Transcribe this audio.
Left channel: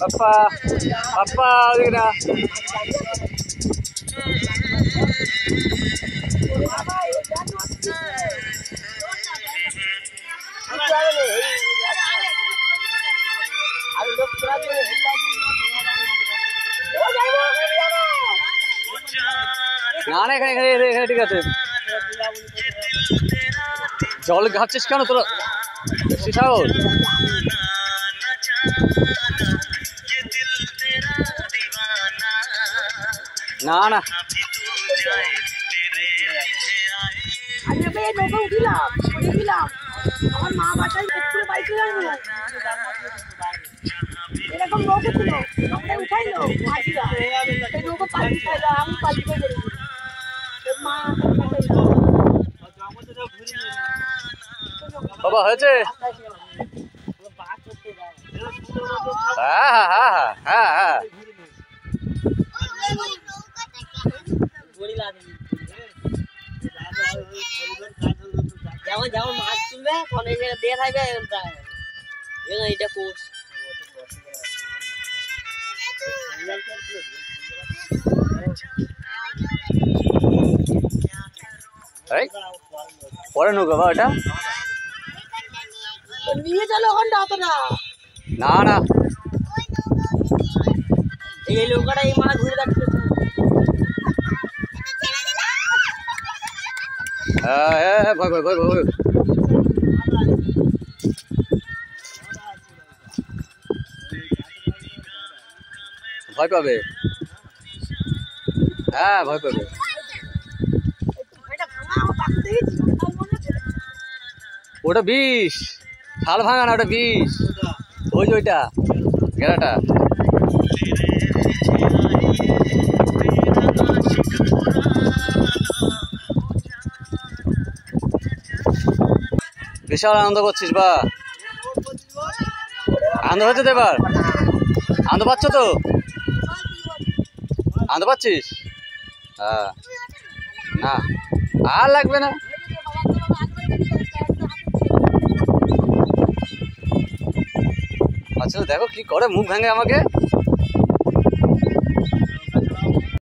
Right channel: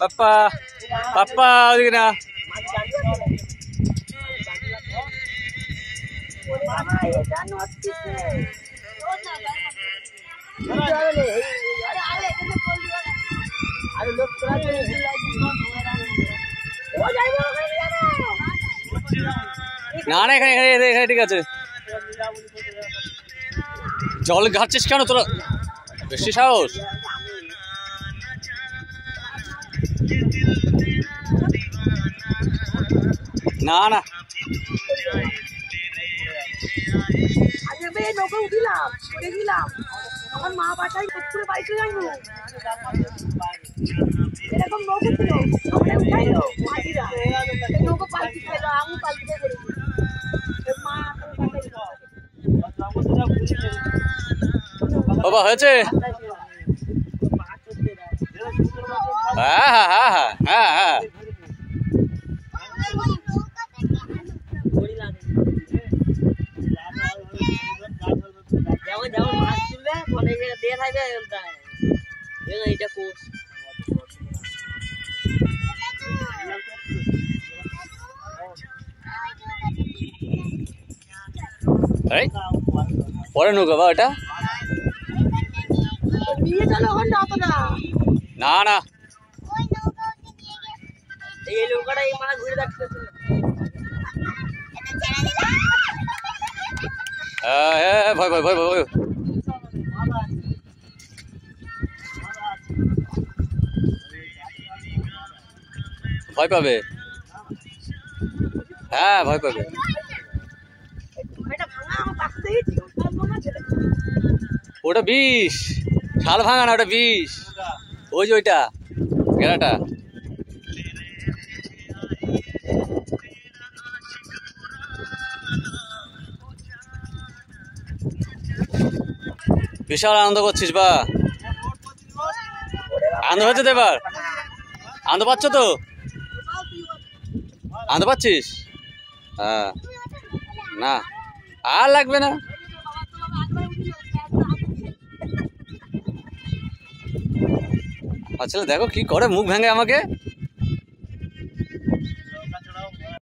পাপ্পা পাপ্পা ওদিকে না না না এখানে এখানে এখানে ঠিক আছে জল ঘাটছিস কেন তোরা বেশি সাহস না না বাবা হয়েছে হ্যাঁ হ্যাঁ হ্যাঁ হ্যাঁ হ্যাঁ যেমন যেমন মাছ তুলবে ফোনে দিয়ে থাকবে এইটা কোর্স পরে নৌকা বা এটা নিয়ে চলো ওখানটা অত না না না এই নৌকাটা এই মানে ঘুরে যাচ্ছে হ্যাঁ হ্যাঁ ভয় ভয় ভয় ভয় ভয় পাবে হ্যাঁ ভয় পাবে ওটা বিষ শাল ভাঙা না ওটা বিষ ওই যে ওইটা গেরাটা বিশাল আনন্দ করছিস বা আনন্দ হচ্ছে তো এবার আনন্দ পাচ্ছ তো আনন্দ পাচ্ছিস হ্যাঁ না আর লাগবে না আচ্ছা দেখো কি করে মুখ ভেঙে আমাকে